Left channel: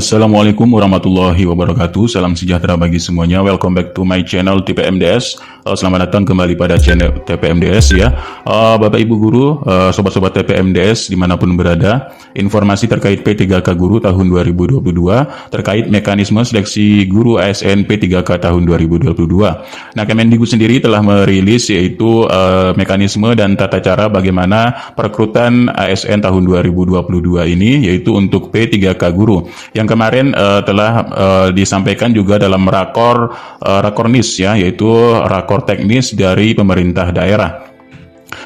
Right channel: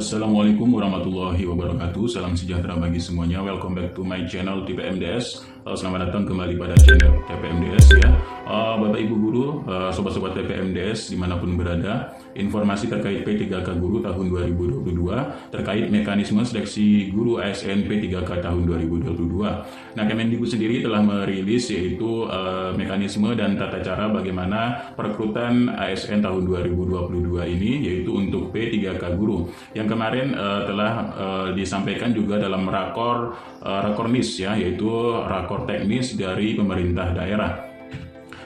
Assalamualaikum warahmatullahi wabarakatuh. Salam sejahtera bagi semuanya. Welcome back to my channel TPMDS. Selamat datang kembali pada channel TPMDS ya. Bapak Ibu Guru, sobat-sobat TPMDS dimanapun berada, informasi terkait P3K Guru tahun 2022 terkait mekanisme seleksi guru ASN P3K tahun 2022. Nah, Kemendikbud sendiri telah merilis yaitu mekanisme dan tata cara bagaimana perekrutan ASN tahun 2022 ini, yaitu untuk P3K Guru yang kemarin telah disampaikan juga dalam rakornis ya, yaitu rakor teknis dari pemerintah daerah.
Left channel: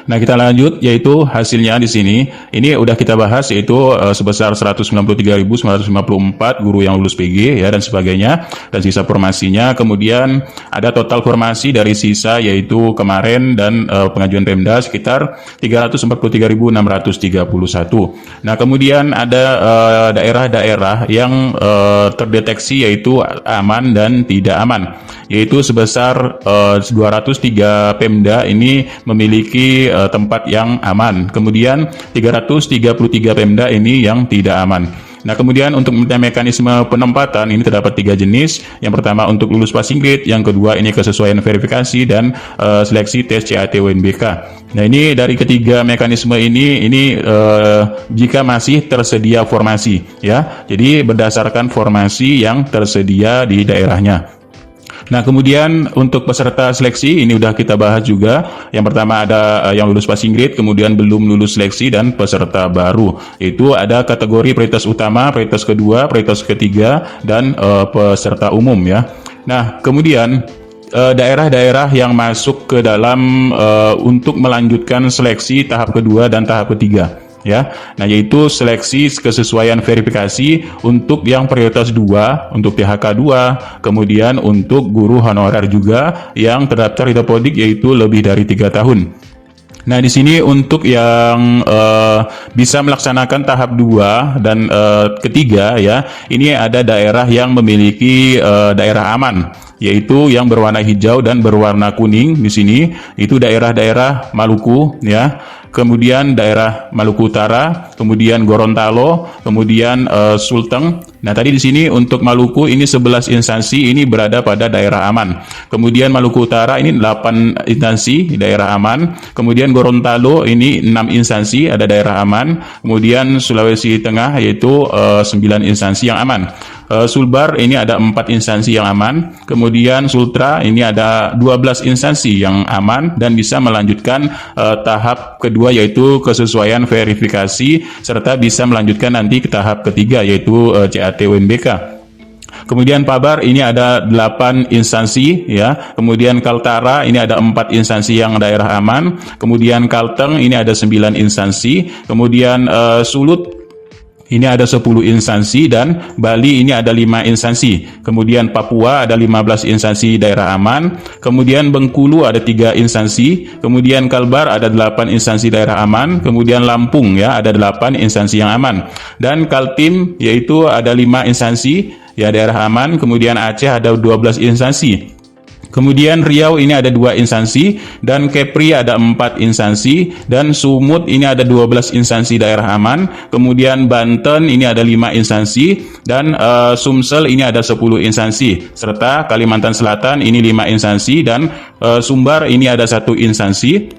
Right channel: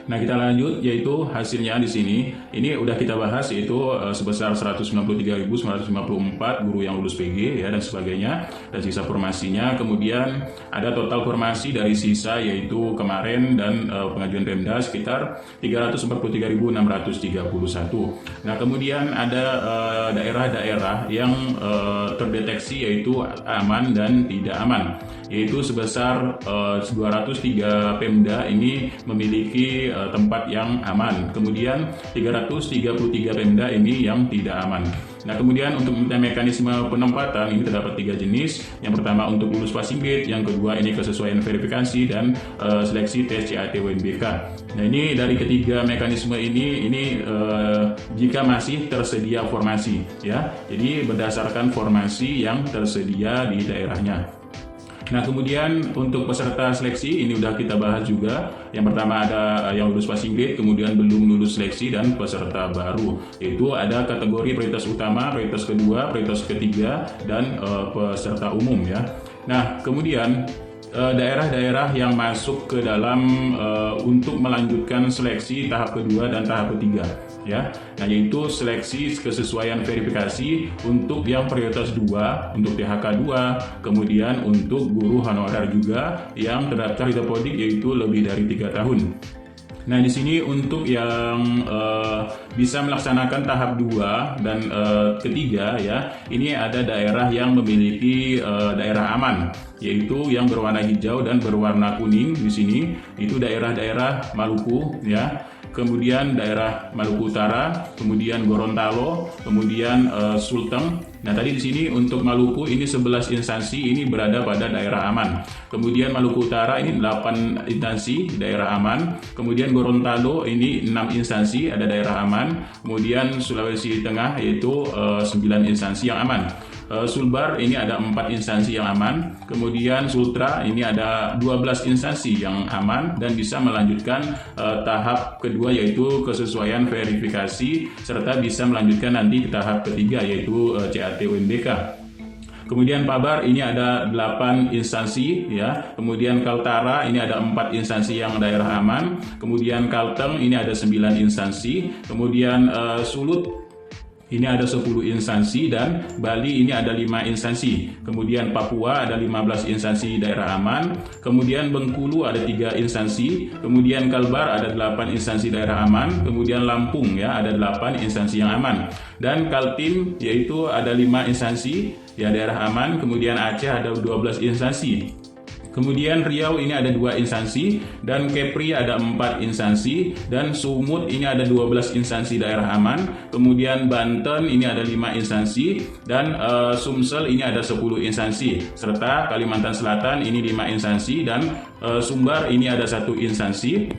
Nah, kita lanjut, yaitu hasilnya di sini. Ini udah kita bahas, yaitu sebesar 193.954 guru yang lulus PG ya dan sebagainya, dan sisa formasinya. Kemudian ada total formasi dari sisa yaitu kemarin dan pengajuan Pemda sekitar 343.631. Nah, kemudian ada daerah-daerah yang terdeteksi yaitu aman dan tidak aman, yaitu sebesar 203 Pemda ini memiliki tempat yang aman. Kemudian 333 Pemda ini yang tidak aman. Nah, kemudian untuk mekanisme penempatan ini terdapat 3 jenis. Yang pertama untuk lulus passing grade, yang kedua ini kesesuaian verifikasi, dan seleksi tes CAT UNBK. Nah, ini dari ketiga mekanisme ini jika masih tersedia formasi ya. Jadi berdasarkan formasi yang tersedia di daerahnya. Nah, kemudian untuk peserta seleksi ini udah kita bahas juga. Yang pertama ada yang lulus passing grade, kemudian belum lulus seleksi, dan peserta baru. Itu ada kategori prioritas utama, prioritas kedua, prioritas ketiga, dan peserta umum ya. Nah, kemudian daerah-daerah yang masuk ke dalam untuk melanjutkan seleksi tahap kedua dan tahap ketiga ya. Nah, yaitu seleksi kesesuaian verifikasi untuk yang prioritas 2 untuk PHK 2, kemudian untuk guru honorer juga yang terdaftar di Topodik yaitu lebih dari 3 tahun. Nah, di sini untuk yang bisa melaksanakan tahap 2 dan ketiga ya, ini ada daerah yang memiliki daerah aman, yaitu yang berwarna hijau dan berwarna kuning. Di sini itu daerah-daerah Maluku ya, kemudian daerah Maluku Utara, kemudian Gorontalo, kemudian Sulteng. Nah, tadi di sini untuk Maluku ini 11 instansi ini berada pada daerah aman. Kemudian Maluku Utara ini 8 instansi daerah aman. Kemudian Gorontalo ini 6 instansi ada daerah aman. Kemudian Sulawesi Tengah yaitu 9 instansi yang aman. Sulbar ini ada 4 instansi yang aman. Kemudian Sultra ini ada 12 instansi yang aman dan bisa melanjutkan tahap kedua yaitu kesesuaian verifikasi, serta bisa melanjutkan nanti ke tahap ketiga yaitu CAT UNBK. Kemudian Pabar ini ada 8 instansi ya. Kemudian Kaltara ini ada 4 instansi yang daerah aman. Kemudian Kalteng ini ada 9 instansi. Kemudian Sulut ini ada 10 instansi, dan Bali ini ada 5 instansi. Kemudian Papua ada 15 instansi daerah aman. Kemudian Bengkulu ada 3 instansi. Kemudian Kalbar ada 8 instansi daerah aman. Kemudian Lampung ya ada 8 instansi yang aman. Dan Kaltim yaitu ada 5 instansi ya daerah aman. Kemudian Aceh ada 12 instansi. Kemudian Riau ini ada 2 instansi, dan Kepri ada 4 instansi, dan Sumut ini ada 12 instansi daerah aman. Kemudian Banten ini ada 5 instansi, dan Sumsel ini ada 10 instansi, serta Kalimantan Selatan ini 5 instansi, dan Sumbar ini ada 1 instansi.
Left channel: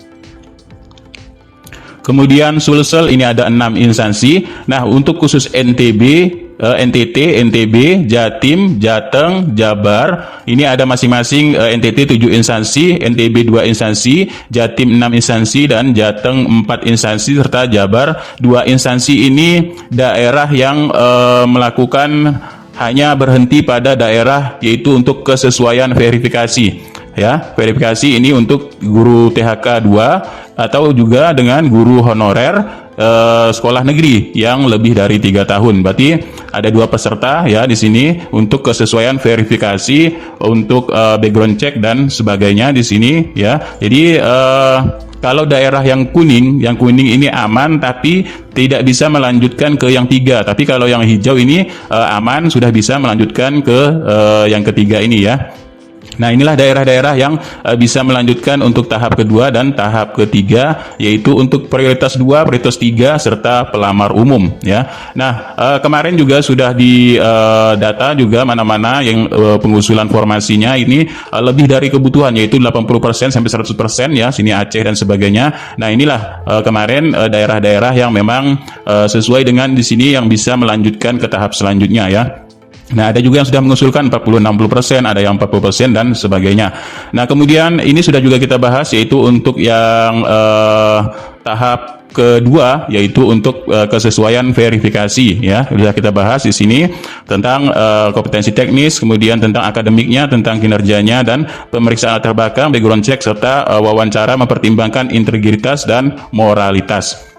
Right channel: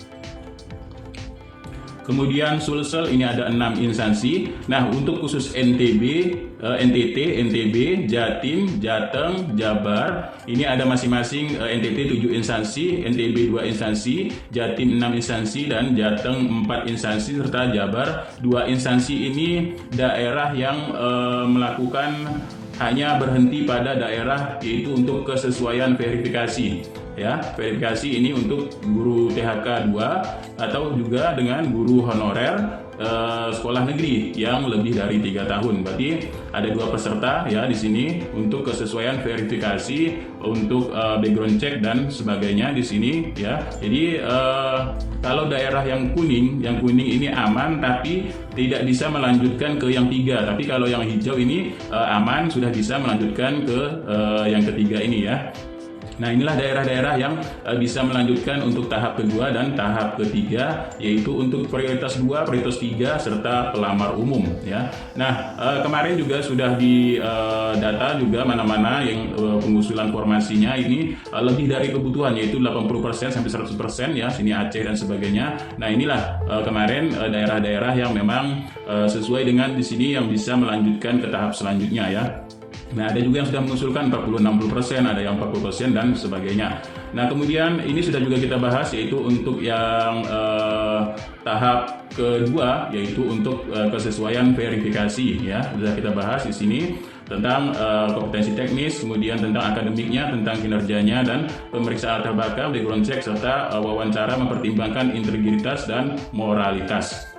Kemudian Sulsel ini ada 6 instansi. Nah, untuk khusus NTB, NTT, NTB, Jatim, Jateng, Jabar, ini ada masing-masing NTT 7 instansi, NTB 2 instansi, Jatim 6 instansi, dan Jateng 4 instansi, serta Jabar 2 instansi. Ini daerah yang melakukan hanya berhenti pada daerah yaitu untuk kesesuaian verifikasi. Ya, verifikasi ini untuk guru THK 2 atau juga dengan guru honorer sekolah negeri yang lebih dari 3 tahun. Berarti ada 2 peserta ya di sini untuk kesesuaian verifikasi, untuk background check dan sebagainya di sini ya. Jadi kalau daerah yang kuning ini aman tapi tidak bisa melanjutkan ke yang 3. Tapi kalau yang hijau ini aman, sudah bisa melanjutkan ke yang ketiga ini ya. Nah, inilah daerah-daerah yang bisa melanjutkan untuk tahap kedua dan tahap ketiga, yaitu untuk prioritas 2, prioritas 3, serta pelamar umum ya. Nah, kemarin juga sudah di data juga mana-mana yang pengusulan formasinya ini lebih dari kebutuhan, yaitu 80% sampai 100% ya, sini Aceh dan sebagainya. Nah, inilah kemarin daerah-daerah yang memang sesuai dengan di sini yang bisa melanjutkan ke tahap selanjutnya ya. Nah, ada juga yang sudah mengusulkan 40-60%, ada yang 40% dan sebagainya. Nah, kemudian ini sudah juga kita bahas, yaitu untuk yang tahap kedua, yaitu untuk kesesuaian verifikasi ya. Sudah kita bahas di sini tentang kompetensi teknis, kemudian tentang akademiknya, tentang kinerjanya, dan pemeriksaan latar belakang, background check, serta wawancara mempertimbangkan integritas dan moralitas.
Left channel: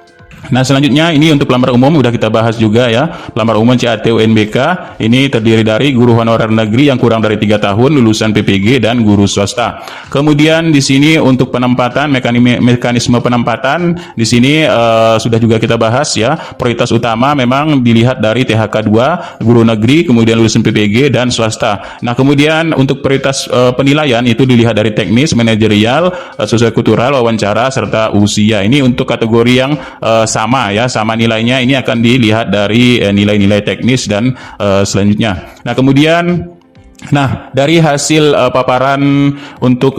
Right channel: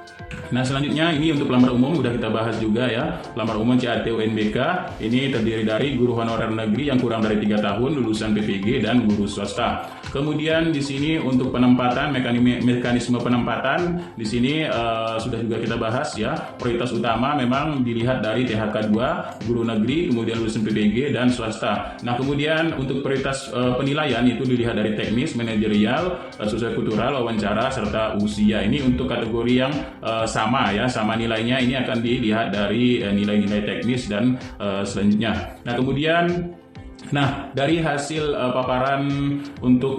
Nah, selanjutnya ini untuk pelamar umum udah kita bahas juga ya. Pelamar umum CAT UNBK ini terdiri dari guru honorer negeri yang kurang dari 3 tahun lulusan PPG dan guru swasta. Kemudian di sini untuk penempatan, mekanisme penempatan di sini sudah juga kita bahas ya. Prioritas utama memang dilihat dari THK 2, guru negeri, kemudian lulusan PPG dan swasta. Nah, kemudian untuk prioritas penilaian itu dilihat dari teknis, manajerial, sosiokultural, wawancara, serta usia. Ini untuk kategori yang sama ya, sama nilainya. Ini akan dilihat dari nilai-nilai teknis dan selanjutnya. Nah, kemudian dari hasil paparan untuk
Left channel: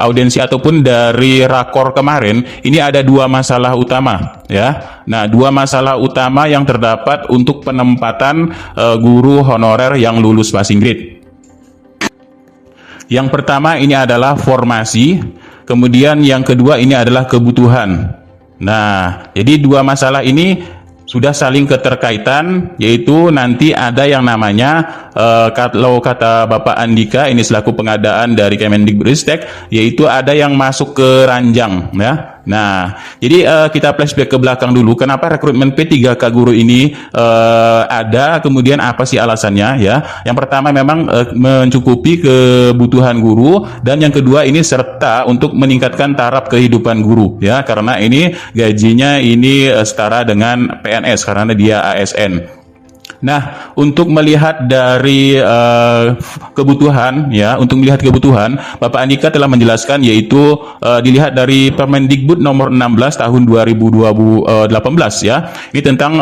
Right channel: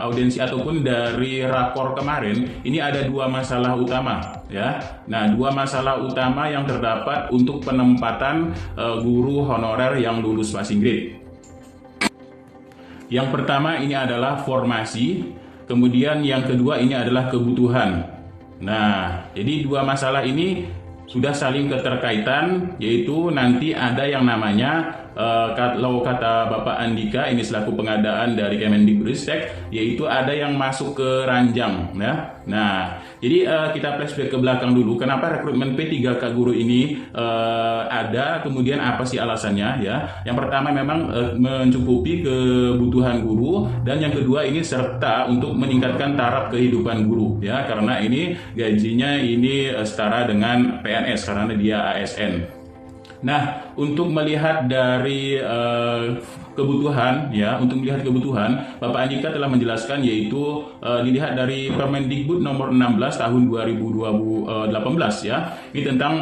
audiensi ataupun dari rakor kemarin, ini ada 2 masalah utama ya. Nah, 2 masalah utama yang terdapat untuk penempatan guru honorer yang lulus passing grade. Yang pertama ini adalah formasi, kemudian yang kedua ini adalah kebutuhan. Nah, jadi 2 masalah ini sudah saling keterkaitan, yaitu nanti ada yang namanya kalau kata Bapak Andika ini selaku pengadaan dari Kemendikbudristek, yaitu ada yang masuk ke ranjang ya. Nah, jadi kita flashback ke belakang dulu, kenapa rekrutmen P3K guru ini ada, kemudian apa sih alasannya ya. Yang pertama memang mencukupi kebutuhan guru, dan yang kedua ini serta untuk meningkatkan taraf kehidupan guru ya, karena ini gajinya ini setara dengan PNS karena dia ASN. Nah, untuk melihat dari kebutuhan ya, untuk melihat kebutuhan, Bapak Andika telah menjelaskan, yaitu dilihat dari Permendikbud nomor 16 tahun 2018 ya. Ini tentang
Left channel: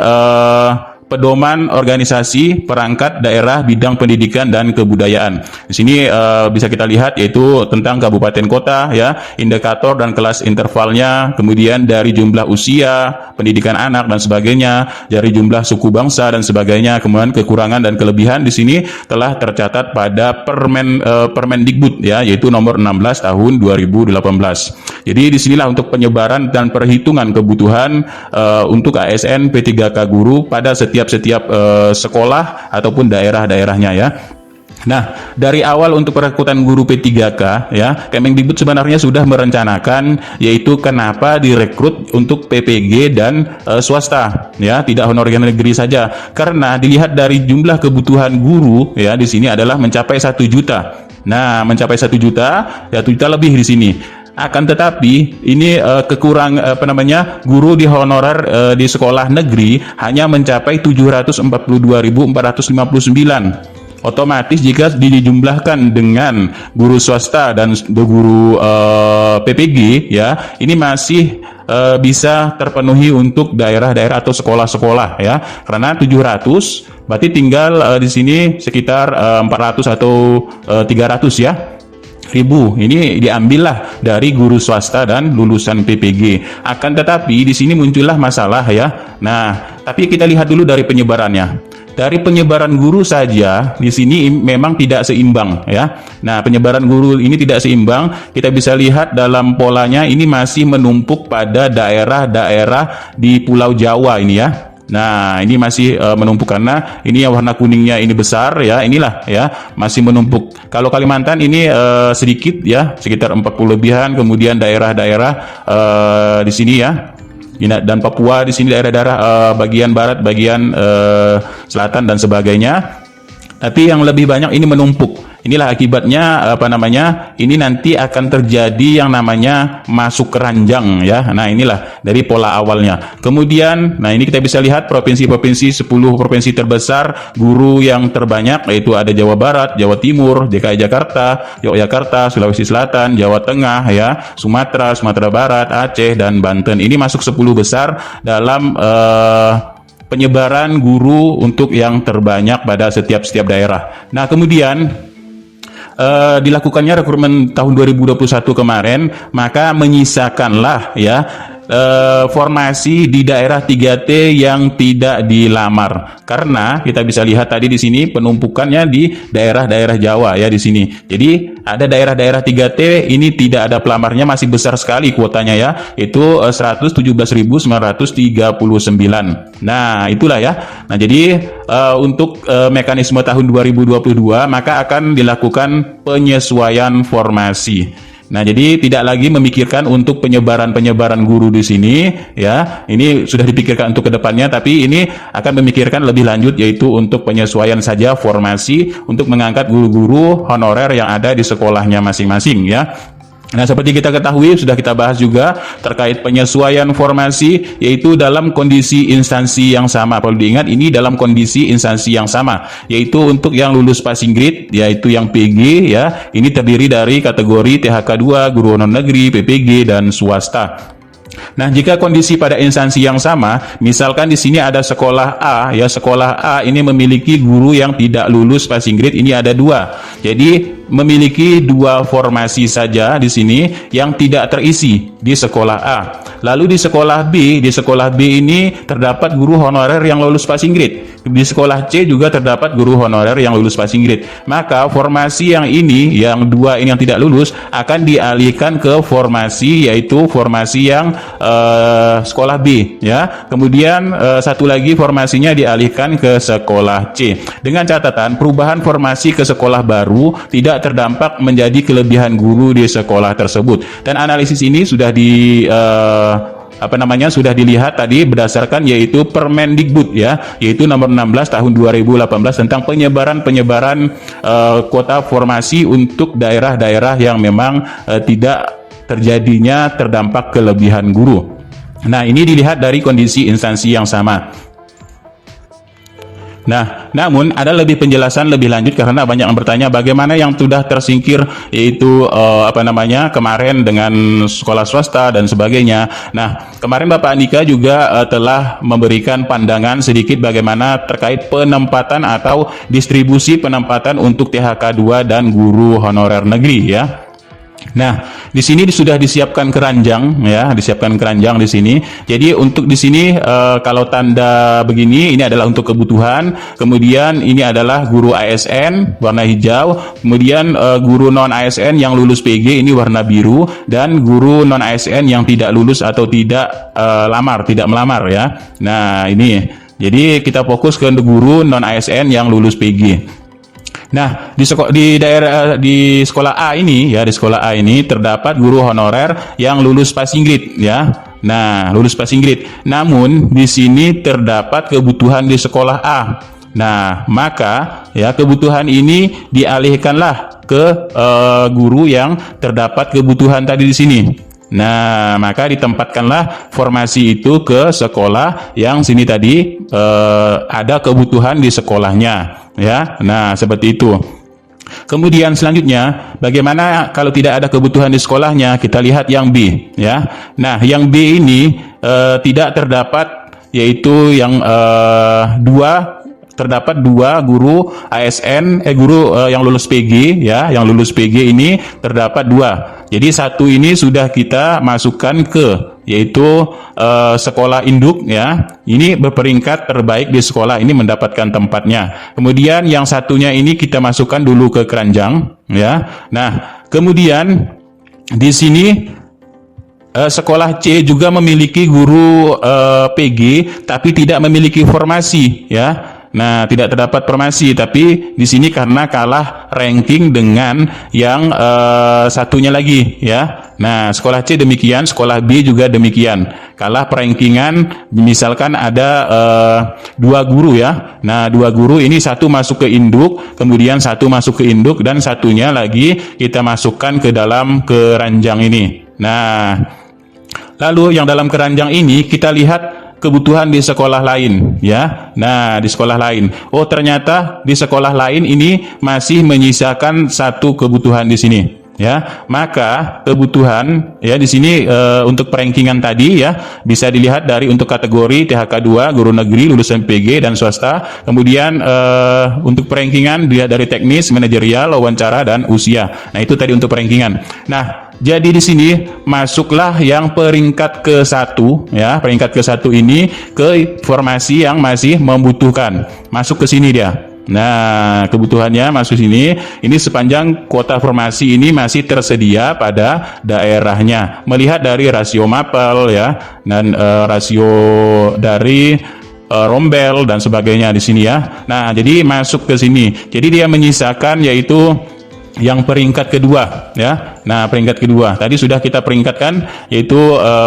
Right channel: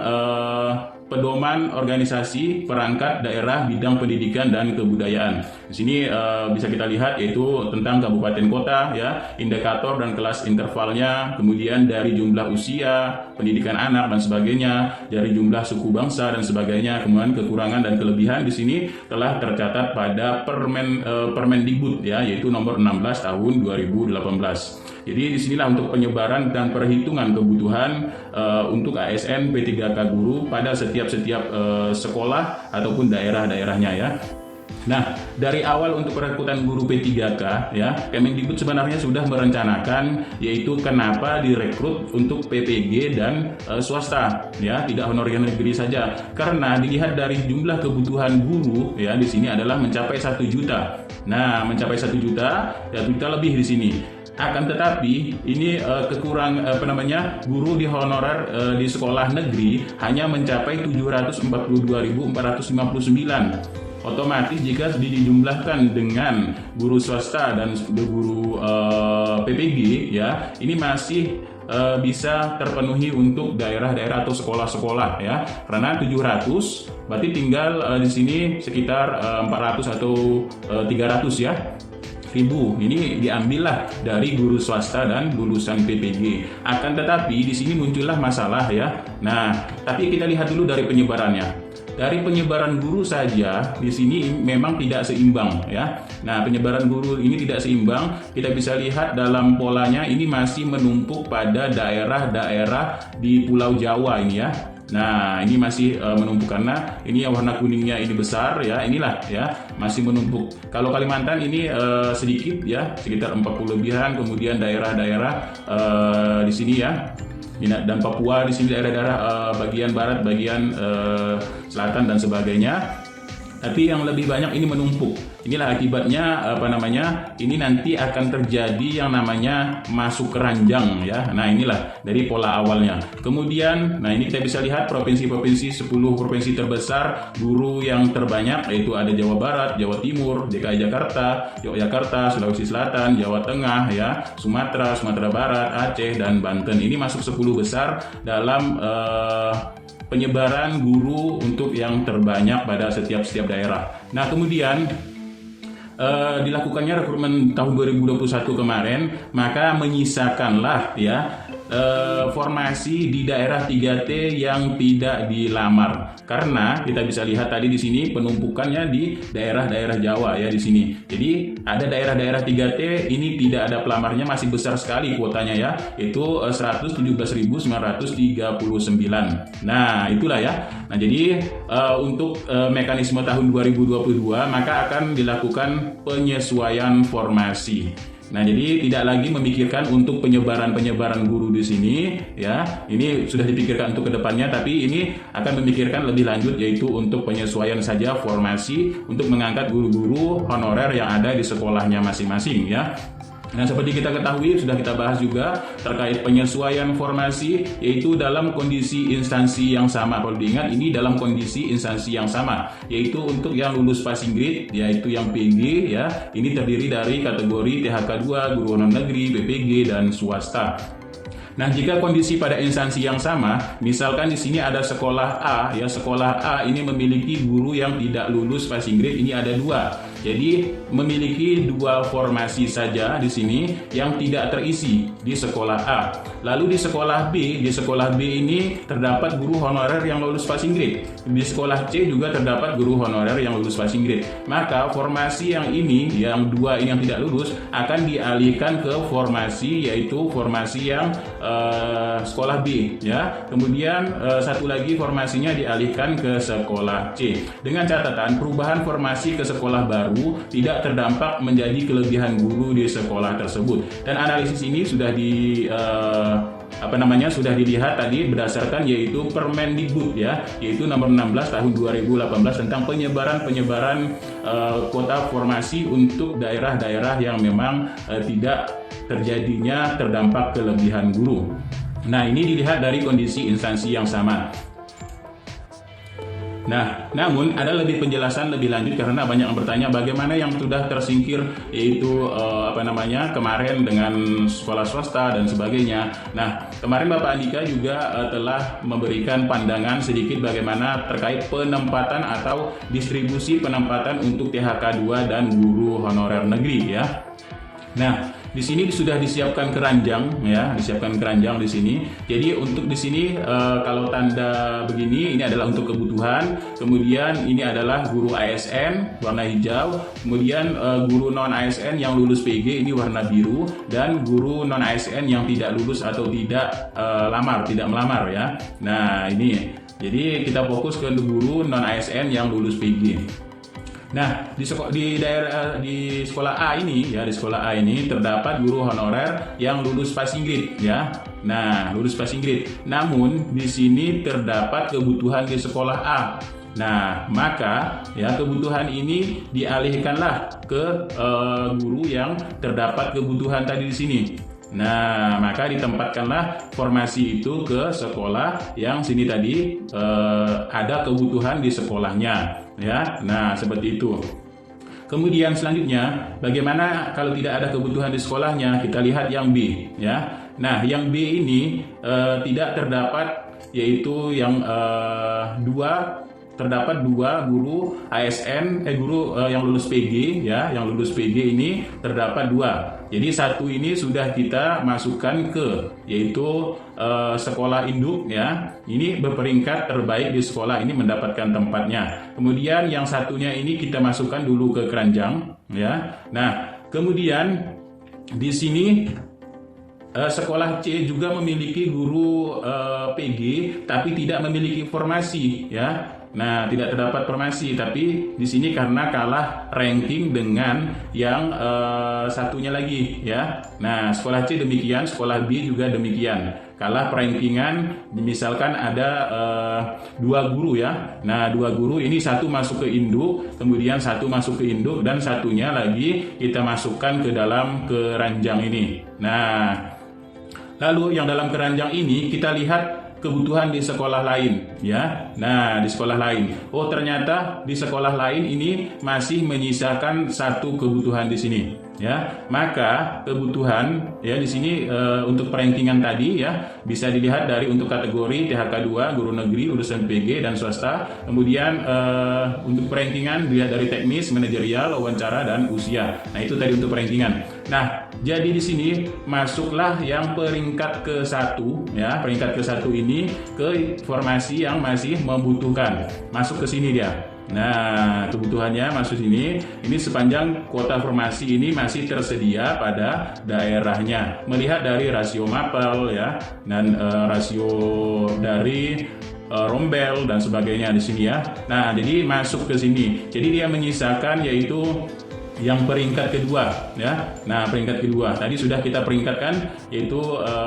pedoman organisasi perangkat daerah bidang pendidikan dan kebudayaan. Di sini bisa kita lihat, yaitu tentang kabupaten kota ya, indikator dan kelas intervalnya, kemudian dari jumlah usia, pendidikan anak dan sebagainya, dari jumlah suku bangsa dan sebagainya, kemudian kekurangan dan kelebihan di sini telah tercatat pada Permendikbud ya, yaitu nomor 16 tahun 2018. Jadi disinilah untuk penyebaran dan perhitungan kebutuhan untuk ASN P3K guru pada setiap sekolah ataupun daerah-daerahnya ya. Nah, dari awal untuk perekrutan guru P3K ya, Kemendikbud sebenarnya sudah merencanakan, yaitu kenapa direkrut untuk PPG dan swasta ya, tidak honorer negeri saja. Karena dilihat dari jumlah kebutuhan guru ya di sini adalah mencapai 1 juta. Nah, mencapai 1 juta, ya 1 juta lebih di sini. Akan tetapi ini guru di honorer di sekolah negeri hanya mencapai 742.459. Otomatis jika dijumlahkan dengan guru swasta dan guru PPG ya, ini masih bisa terpenuhi untuk daerah-daerah atau sekolah-sekolah ya. Karena 700 berarti tinggal di sini sekitar 400 atau 300 ya. Ini diambillah dari guru swasta dan lulusan PPG. Akan tetapi di sini muncullah masalah ya. Nah, tapi kita lihat dulu dari penyebarannya. Dari penyebaran guru saja di sini memang tidak seimbang ya. Nah, penyebaran guru ini tidak seimbang. Kita bisa lihat dalam polanya ini masih menumpuk pada daerah-daerah di Pulau Jawa ini ya. Nah, ini masih menumpuk karena ini yang warna kuningnya ini besar ya, inilah ya, masih menumpuk. Kalau Kalimantan ini sedikit ya, sekitar 40 lebihan, kemudian daerah-daerah di sini ya. Dan Papua di sini daerah-daerah bagian barat, bagian selatan dan sebagainya. Tapi yang lebih banyak ini menumpuk. Inilah akibatnya ini nanti akan terjadi yang namanya masuk keranjang ya. Nah, inilah dari pola awalnya. Kemudian, nah ini kita bisa lihat provinsi-provinsi 10 provinsi terbesar guru yang terbanyak yaitu ada Jawa Barat, Jawa Timur, DKI Jakarta, Yogyakarta, Sulawesi Selatan, Jawa Tengah ya, Sumatera, Sumatera Barat, Aceh dan Banten. Ini masuk 10 besar dalam penyebaran guru untuk yang terbanyak pada setiap daerah. Nah, kemudian dilakukannya rekrutmen tahun 2021 kemarin, maka menyisakanlah ya formasi di daerah 3T yang tidak dilamar. Karena kita bisa lihat tadi di sini penumpukannya di daerah-daerah Jawa ya di sini. Jadi ada daerah-daerah 3T ini tidak ada pelamarnya, masih besar sekali kuotanya ya, itu 117.939. Nah, itulah ya. Nah, jadi untuk mekanisme tahun 2022 maka akan dilakukan penyesuaian formasi. Nah, jadi tidak lagi memikirkan untuk penyebaran guru di sini ya. Ini sudah dipikirkan untuk kedepannya, tapi ini akan memikirkan lebih lanjut yaitu untuk penyesuaian saja formasi untuk mengangkat guru-guru honorer yang ada di sekolahnya masing-masing ya. Nah, seperti kita ketahui, sudah kita bahas juga terkait penyesuaian formasi, yaitu dalam kondisi instansi yang sama. Perlu diingat, ini dalam kondisi instansi yang sama, yaitu untuk yang lulus passing grade, yaitu yang PG, ya. Ini terdiri dari kategori THK2, guru non negeri, PPG, dan swasta. Nah, jika kondisi pada instansi yang sama, misalkan di sini ada sekolah A, ya sekolah A ini memiliki guru yang tidak lulus passing grade, ini ada 2. Jadi memiliki 2 formasi saja di sini yang tidak terisi di sekolah A. Lalu di sekolah B ini terdapat guru honorer yang lulus passing grade. Di sekolah C juga terdapat guru honorer yang lulus passing grade. Maka formasi yang ini, yang 2 ini yang tidak lulus, akan dialihkan ke formasi, yaitu formasi yang sekolah B ya. Kemudian satu lagi formasinya dialihkan ke sekolah C. Dengan catatan perubahan formasi ke sekolah baru tidak terdampak menjadi kelebihan guru di sekolah tersebut. Dan analisis ini sudah sudah dilihat tadi berdasarkan yaitu Permendikbud ya, yaitu nomor 16 tahun 2018 tentang penyebaran kuota formasi untuk daerah-daerah yang memang tidak terjadinya terdampak kelebihan guru. Nah, ini dilihat dari kondisi instansi yang sama. Nah, namun ada lebih penjelasan lebih lanjut karena banyak yang bertanya bagaimana yang sudah tersingkir yaitu kemarin dengan sekolah swasta dan sebagainya. Nah, kemarin Bapak Andika juga telah memberikan pandangan sedikit bagaimana terkait penempatan atau distribusi penempatan untuk THK2 dan guru honorer negeri ya. Nah, di sini sudah disiapkan keranjang ya, disiapkan keranjang di sini. Jadi untuk di sini kalau tanda begini ini adalah untuk kebutuhan. Kemudian ini adalah guru ASN warna hijau. Kemudian guru non ASN yang lulus PG ini warna biru, dan guru non ASN yang tidak lulus atau tidak melamar ya. Nah, ini. Jadi kita fokus ke guru non ASN yang lulus PG. Nah, di sekolah A ini ya, di sekolah A ini terdapat guru honorer yang lulus passing grade ya. Nah, lulus passing grade. Namun di sini terdapat kebutuhan di sekolah A. Nah, maka ya kebutuhan ini dialihkanlah ke guru yang terdapat kebutuhan tadi di sini. Nah, maka ditempatkanlah formasi itu ke sekolah yang sini tadi ada kebutuhan di sekolahnya ya. Nah, seperti itu. Kemudian selanjutnya, bagaimana kalau tidak ada kebutuhan di sekolahnya? Kita lihat yang B ya. Nah, yang B ini tidak terdapat, yaitu yang terdapat 2 guru ASN, guru yang lulus PG ya, yang lulus PG ini terdapat 2. Jadi satu ini sudah kita masukkan ke yaitu sekolah induk ya. Ini berperingkat terbaik di sekolah ini mendapatkan tempatnya. Kemudian yang satunya ini kita masukkan dulu ke keranjang ya. Nah, kemudian di sini sekolah C juga memiliki guru PG tapi tidak memiliki formasi ya. Nah, tidak terdapat formasi, tapi di sini karena kalah ranking dengan yang satunya lagi ya. Nah, sekolah C demikian, sekolah B juga demikian. Kalah perankingan, misalkan ada 2 guru ya. Nah, 2 guru ini satu masuk ke induk, kemudian satu masuk ke induk, dan satunya lagi kita masukkan ke dalam keranjang ini. Nah, lalu yang dalam keranjang ini kita lihat kebutuhan di sekolah lain ya. Nah, di sekolah lain. Oh, ternyata di sekolah lain ini masih menyisakan satu kebutuhan di sini ya. Maka kebutuhan ya di sini untuk perankingan tadi ya bisa dilihat dari untuk kategori THK 2 guru negeri lulusan PG dan swasta. Kemudian untuk perankingan dilihat dari teknis, manajerial, wawancara, dan usia. Nah, itu tadi untuk perankingan. Nah, jadi di sini masuklah yang peringkat ke-1 ya, peringkat ke-1 ini ke formasi yang masih membutuhkan. Masuk ke sini dia. Nah, kebutuhannya masuk sini. Ini sepanjang kuota formasi ini masih tersedia pada daerahnya. Melihat dari rasio mapel ya, dan rasio dari rombel dan sebagainya di sini ya. Nah, jadi masuk ke sini. Jadi dia menyisakan yaitu yang peringkat kedua ya. Nah, peringkat kedua tadi sudah kita peringkatkan, yaitu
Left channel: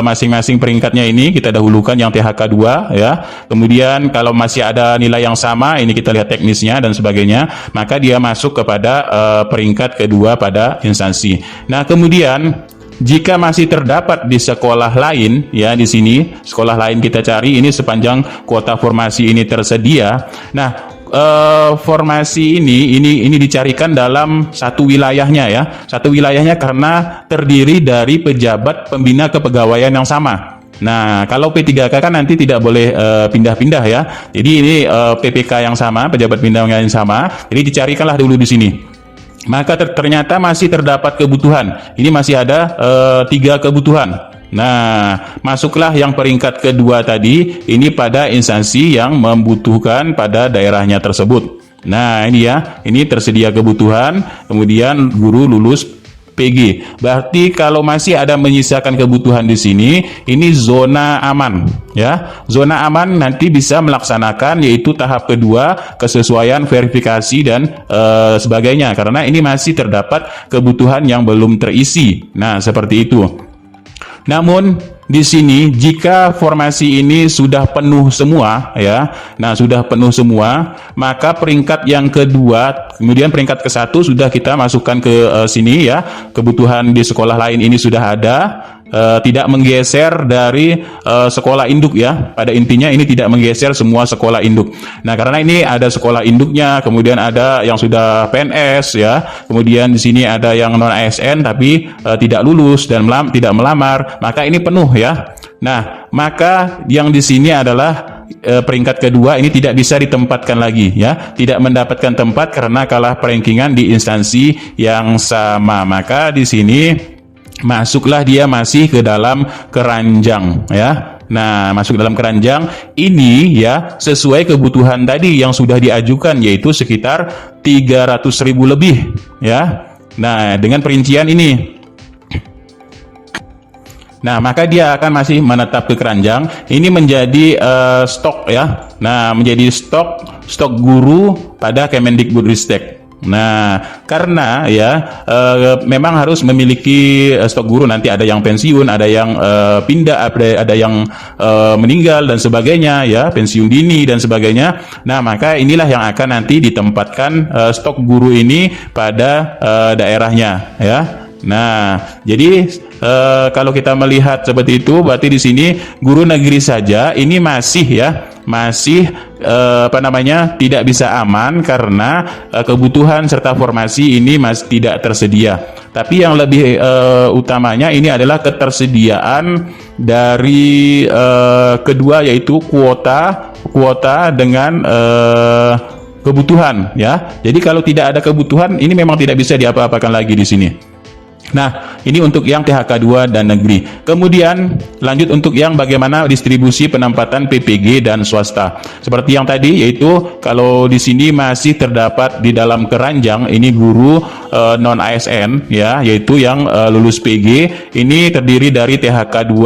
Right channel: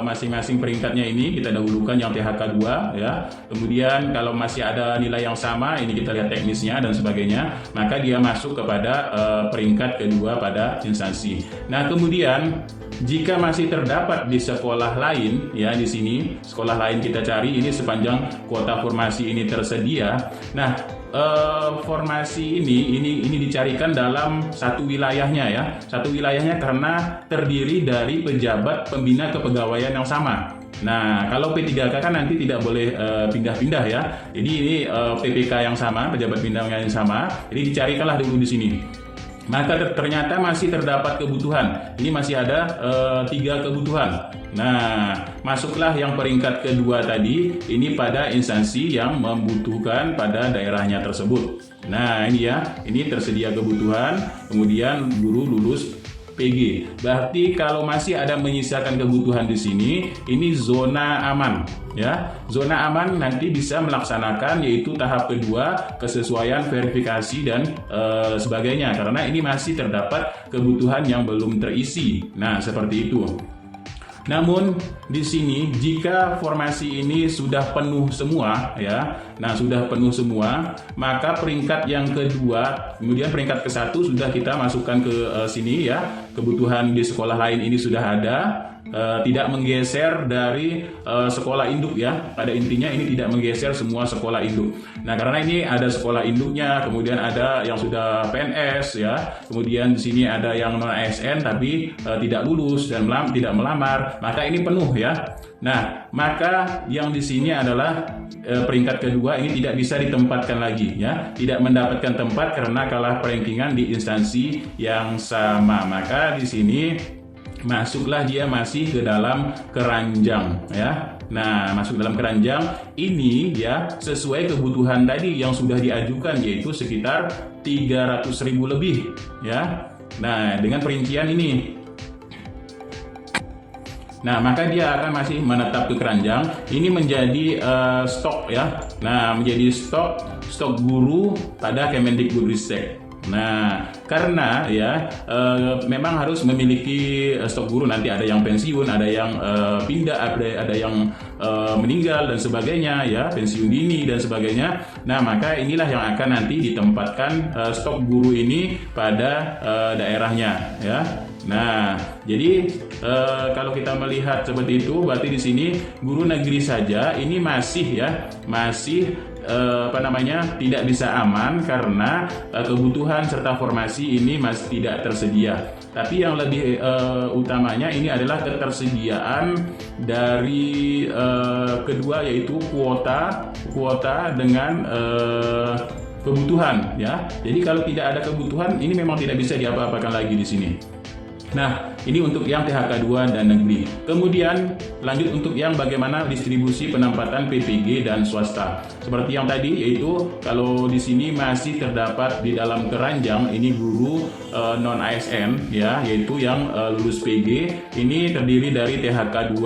masing-masing peringkatnya ini kita dahulukan yang THK 2 ya. Kemudian kalau masih ada nilai yang sama, ini kita lihat teknisnya dan sebagainya, maka dia masuk kepada peringkat kedua pada instansi. Nah, kemudian jika masih terdapat di sekolah lain ya, di sini sekolah lain kita cari ini sepanjang kuota formasi ini tersedia. Nah, formasi ini dicarikan dalam satu wilayahnya ya. Satu wilayahnya karena terdiri dari pejabat pembina kepegawaian yang sama. Nah, kalau P3K kan nanti tidak boleh pindah-pindah ya. Jadi ini PPK yang sama, pejabat pembina yang sama. Jadi dicarikanlah dulu di sini. Maka ternyata masih terdapat kebutuhan. Ini masih ada 3 kebutuhan. Nah, masuklah yang peringkat kedua tadi ini pada instansi yang membutuhkan pada daerahnya tersebut. Nah, ini ya, ini tersedia kebutuhan, kemudian guru lulus PG. Berarti kalau masih ada menyisakan kebutuhan di sini, ini zona aman ya. Zona aman nanti bisa melaksanakan yaitu tahap kedua, kesesuaian verifikasi dan sebagainya, karena ini masih terdapat kebutuhan yang belum terisi. Nah, seperti itu. Namun di sini jika formasi ini sudah penuh semua ya, nah sudah penuh semua, maka peringkat yang kedua, kemudian peringkat ke-1 sudah kita masukkan ke sini ya. Kebutuhan di sekolah lain ini sudah ada, tidak menggeser dari sekolah induk ya. Pada intinya ini tidak menggeser semua sekolah induk. Nah, karena ini ada sekolah induknya, kemudian ada yang sudah PNS ya, kemudian di sini ada yang non ASN tapi tidak lulus dan tidak melamar, maka ini penuh ya. Nah, maka yang di sini adalah peringkat kedua ini tidak bisa ditempatkan lagi ya, tidak mendapatkan tempat karena kalah perankingan di instansi yang sama. Maka di sini masuklah dia masih ke dalam keranjang ya. Nah, masuk dalam keranjang ini ya sesuai kebutuhan tadi yang sudah diajukan, yaitu sekitar 300.000 lebih ya. Nah, dengan perincian ini. Nah, maka dia akan masih menetap ke keranjang. Ini menjadi stok ya. Nah, menjadi stok guru pada Kemendikbudristek. Nah, karena ya memang harus memiliki stok guru, nanti ada yang pensiun, ada yang pindah, ada yang meninggal dan sebagainya ya, pensiun dini dan sebagainya. Nah, maka inilah yang akan nanti ditempatkan stok guru ini pada daerahnya ya. Nah, jadi kalau kita melihat seperti itu, berarti di sini guru negeri saja ini masih tidak bisa aman karena kebutuhan serta formasi ini masih tidak tersedia. Tapi yang lebih utamanya ini adalah ketersediaan dari kedua, yaitu kuota dengan kebutuhan ya. Jadi kalau tidak ada kebutuhan ini memang tidak bisa diapa-apakan lagi di sini. Nah, ini untuk yang THK2 dan negeri. Kemudian lanjut untuk yang bagaimana distribusi penempatan PPG dan swasta. Seperti yang tadi, yaitu kalau di sini masih terdapat di dalam keranjang ini guru non ASN ya, yaitu yang lulus PG, ini terdiri dari THK2,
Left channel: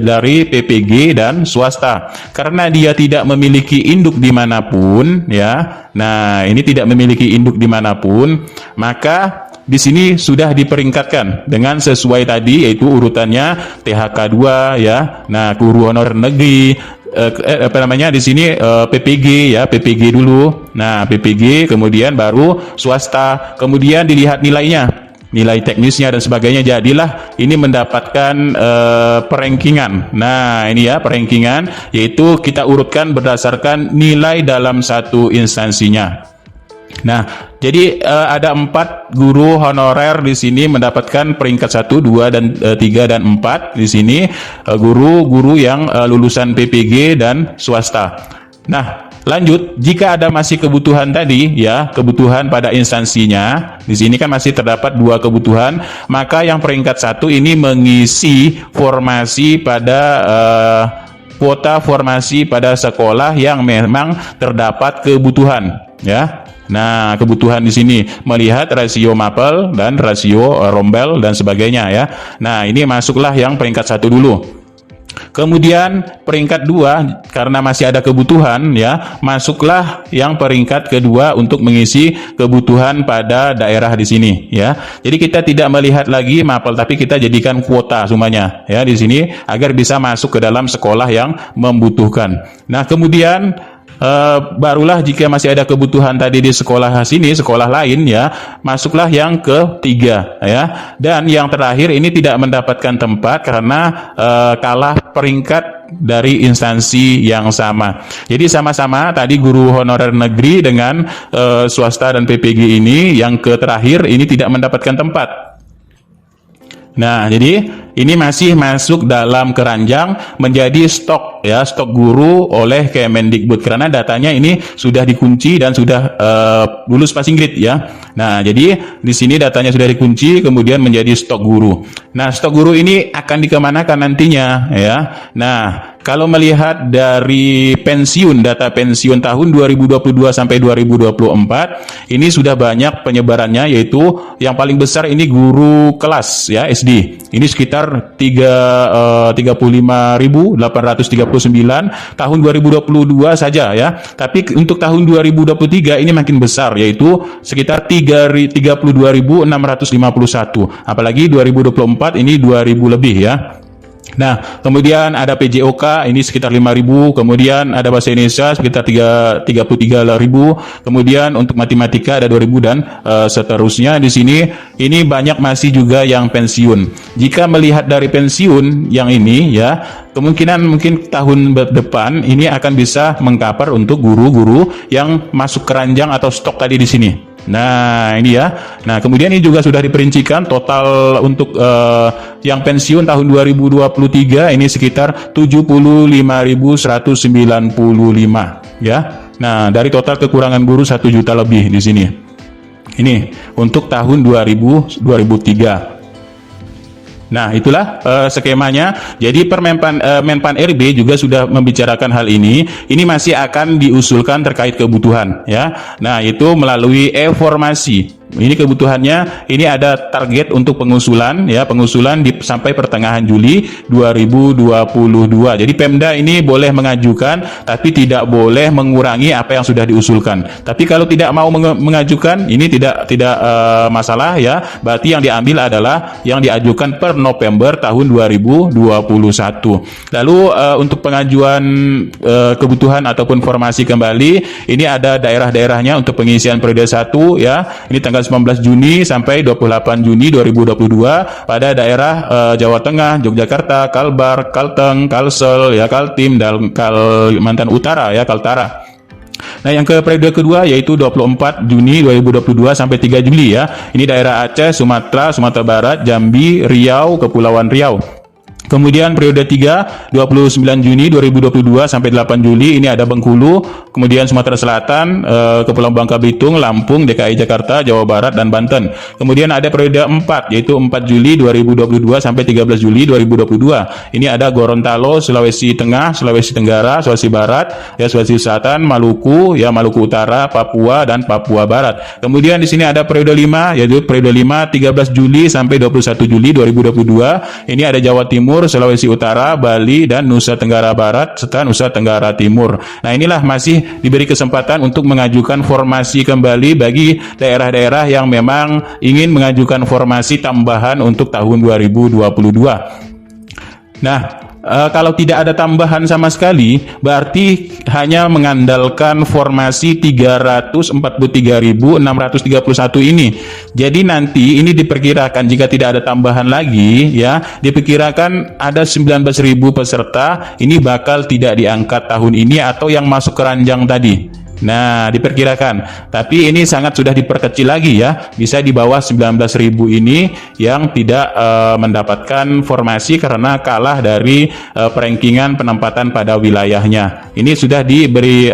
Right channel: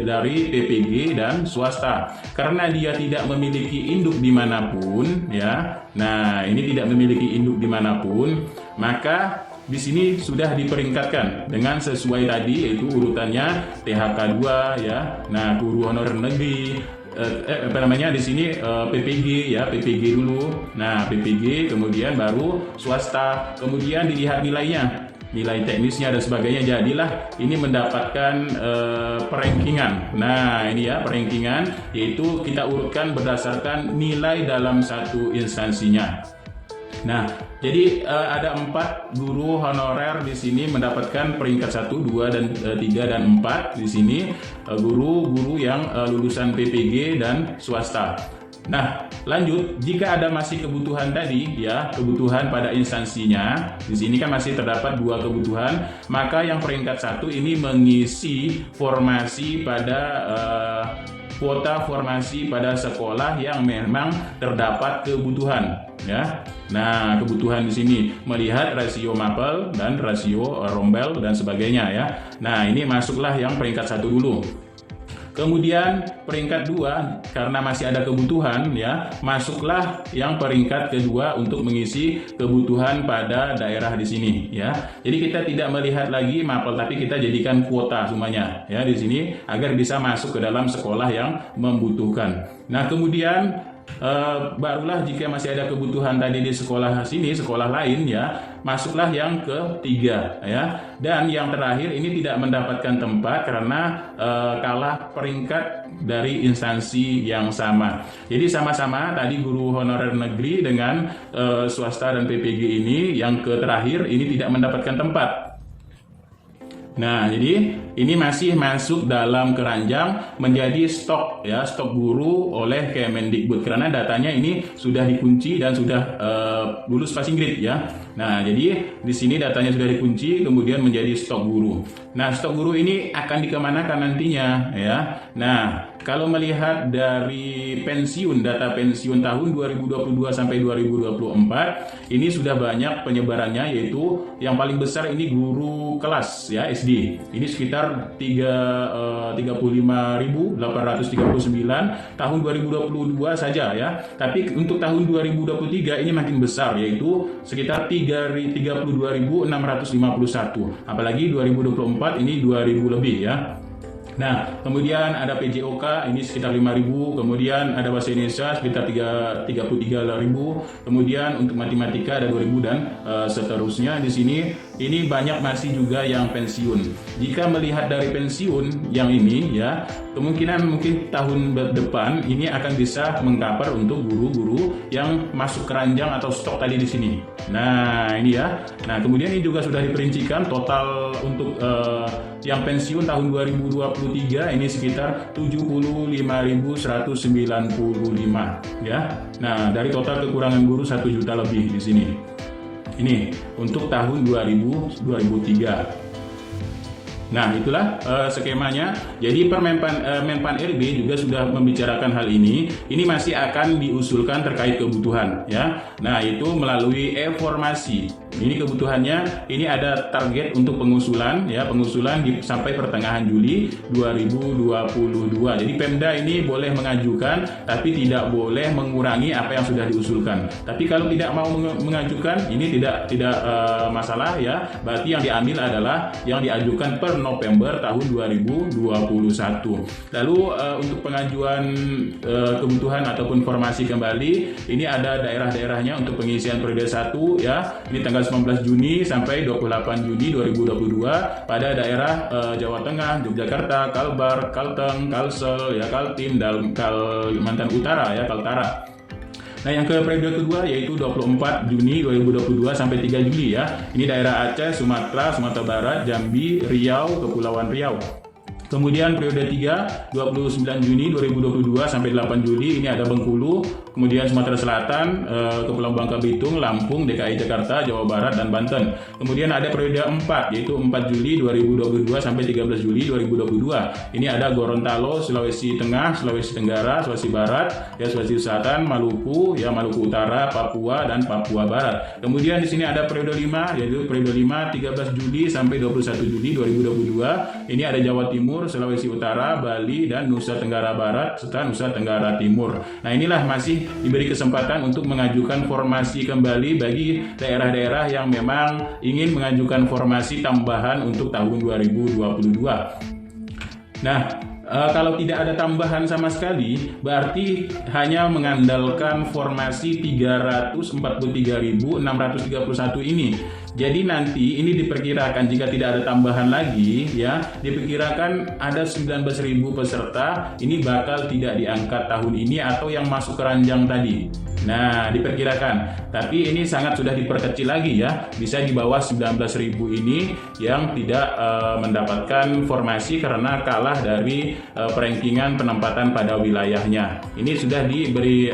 dari PPG dan swasta. Karena dia tidak memiliki induk dimanapun ya. Nah, ini tidak memiliki induk dimanapun, maka di sini sudah diperingkatkan dengan sesuai tadi, yaitu urutannya THK2 ya. Nah, guru honorer negeri di sini PPG ya, PPG dulu. Nah, PPG kemudian baru swasta. Kemudian dilihat nilainya, nilai teknisnya dan sebagainya, jadilah ini mendapatkan perankingan. Nah, ini ya perankingan, yaitu kita urutkan berdasarkan nilai dalam satu instansinya. Nah, jadi ada 4 guru honorer di sini mendapatkan peringkat 1, 2, dan 3 dan 4 di sini, guru-guru yang lulusan PPG dan swasta. Nah, lanjut, jika ada masih kebutuhan tadi ya, kebutuhan pada instansinya, di sini kan masih terdapat 2 kebutuhan, maka yang peringkat 1 ini mengisi formasi pada kuota formasi pada sekolah yang memang terdapat kebutuhan ya. Nah, kebutuhan di sini melihat rasio mapel dan rasio rombel dan sebagainya ya. Nah, ini masuklah yang peringkat 1 dulu. Kemudian peringkat 2 karena masih ada kebutuhan ya, masuklah yang peringkat kedua untuk mengisi kebutuhan pada daerah di sini ya. Jadi kita tidak melihat lagi mapel, tapi kita jadikan kuota semuanya ya di sini agar bisa masuk ke dalam sekolah yang membutuhkan. Nah, kemudian barulah jika masih ada kebutuhan tadi di sekolah sini, sekolah lain ya, masuklah yang ketiga ya. Dan yang terakhir ini tidak mendapatkan tempat karena kalah peringkat dari instansi yang sama. Jadi sama-sama tadi guru honorer negeri dengan swasta dan PPG ini, yang terakhir ini tidak mendapatkan tempat. Nah, jadi ini masih masuk dalam keranjang menjadi stok ya, stok guru oleh Kemendikbud karena datanya ini sudah dikunci dan sudah lulus passing grade ya. Nah, jadi di sini datanya sudah dikunci kemudian menjadi stok guru. Nah, stok guru ini akan dikemanakan nantinya ya. Nah, kalau melihat dari pensiun, data pensiun tahun 2022 sampai 2024, ini sudah banyak penyebarannya, yaitu yang paling besar ini guru kelas ya, SD. Ini sekitar 35.839 tahun 2022 saja ya. Tapi untuk tahun 2023 ini makin besar, yaitu sekitar 32.651. Apalagi 2024 ini 2.000 lebih ya. Nah, kemudian ada PJOK ini sekitar 5.000, kemudian ada bahasa Indonesia sekitar 33.000, kemudian untuk matematika ada 2.000 dan seterusnya di sini. Ini banyak masih juga yang pensiun. Jika melihat dari pensiun yang ini ya, kemungkinan mungkin tahun depan ini akan bisa mengcover untuk guru-guru yang masuk keranjang atau stok tadi di sini. Nah, ini ya. Nah, kemudian ini juga sudah diperincikan total untuk yang pensiun tahun 2023 ini sekitar 75.195 ya. Nah, dari total kekurangan guru 1 juta lebih di sini. Ini untuk tahun 2003. Nah, itulah skemanya. Jadi Menpan RB juga sudah membicarakan hal ini. Ini masih akan diusulkan terkait kebutuhan ya. Nah, itu melalui e-formasi. Ini kebutuhannya, ini ada target untuk pengusulan ya, sampai pertengahan Juli 2022. Jadi Pemda ini boleh mengajukan tapi tidak boleh mengurangi apa yang sudah diusulkan. Tapi kalau tidak mau mengajukan, ini tidak masalah ya. Berarti yang diambil adalah yang diajukan per November tahun 2021. Lalu untuk pengajuan kebutuhan ataupun formasi kembali, ini ada daerah-daerahnya untuk pengisian periode 1 ya. Ini tanggal 19 Juni sampai 28 Juni 2022 pada daerah Jawa Tengah, Yogyakarta, Kalbar, Kalteng, Kalsel, ya, Kaltim, dan Kalimantan Utara ya, Kaltara. Nah, yang ke periode kedua yaitu 24 Juni 2022 sampai 3 Juli ya. Ini daerah Aceh, Sumatera Barat, Jambi, Riau, Kepulauan Riau. Kemudian periode 3, 29 Juni 2022 sampai 8 Juli ini ada Bengkulu, kemudian Sumatera Selatan, Kepulauan Bangka Belitung, Lampung, DKI Jakarta, Jawa Barat, dan Banten. Kemudian ada periode 4, yaitu 4 Juli 2022 sampai 13 Juli 2022. Ini ada Gorontalo, Sulawesi Tengah, Sulawesi Tenggara, Sulawesi Barat, ya Sulawesi Selatan, Maluku, ya Maluku Utara, Papua, dan Papua Barat. Kemudian di sini ada periode 5, yaitu periode 5, 13 Juli sampai 21 Juli 2022. Ini ada Jawa Timur, Sulawesi Utara, Bali, dan Nusa Tenggara Barat, serta Nusa Tenggara Timur. Nah, inilah masih diberi kesempatan untuk mengajukan formasi kembali bagi daerah-daerah yang memang ingin mengajukan formasi tambahan untuk tahun 2022. Nah, kalau tidak ada tambahan sama sekali, berarti hanya mengandalkan formasi 343.631 ini. Jadi nanti ini diperkirakan jika tidak ada tambahan lagi, ya, diperkirakan ada 19.000 peserta ini bakal tidak diangkat tahun ini atau yang masuk ke ranjang tadi. Nah, diperkirakan, tapi ini sangat sudah diperkecil lagi ya, bisa di bawah 19.000 ini yang tidak mendapatkan formasi karena kalah dari perankingan penempatan pada wilayahnya. Ini sudah diberi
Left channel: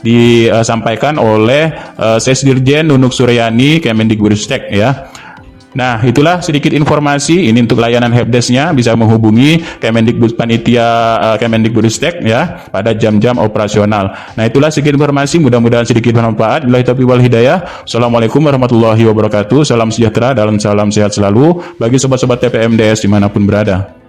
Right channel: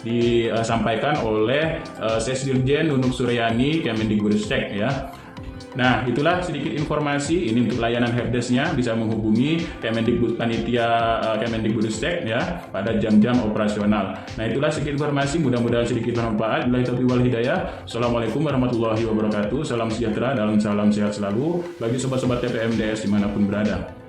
disampaikan oleh Sesdirjen Nunuk Suryani Kemendikbudristek ya. Nah, itulah sedikit informasi ini untuk layanan helpdesk-nya, bisa menghubungi Kemendikbud Panitia Kemendikbudristek ya pada jam-jam operasional. Nah, itulah sedikit informasi, mudah-mudahan sedikit bermanfaat. Billahi taufiq wal hidayah. Assalamualaikum warahmatullahi wabarakatuh. Salam sejahtera dan salam sehat selalu bagi sobat-sobat TPMDS dimanapun berada.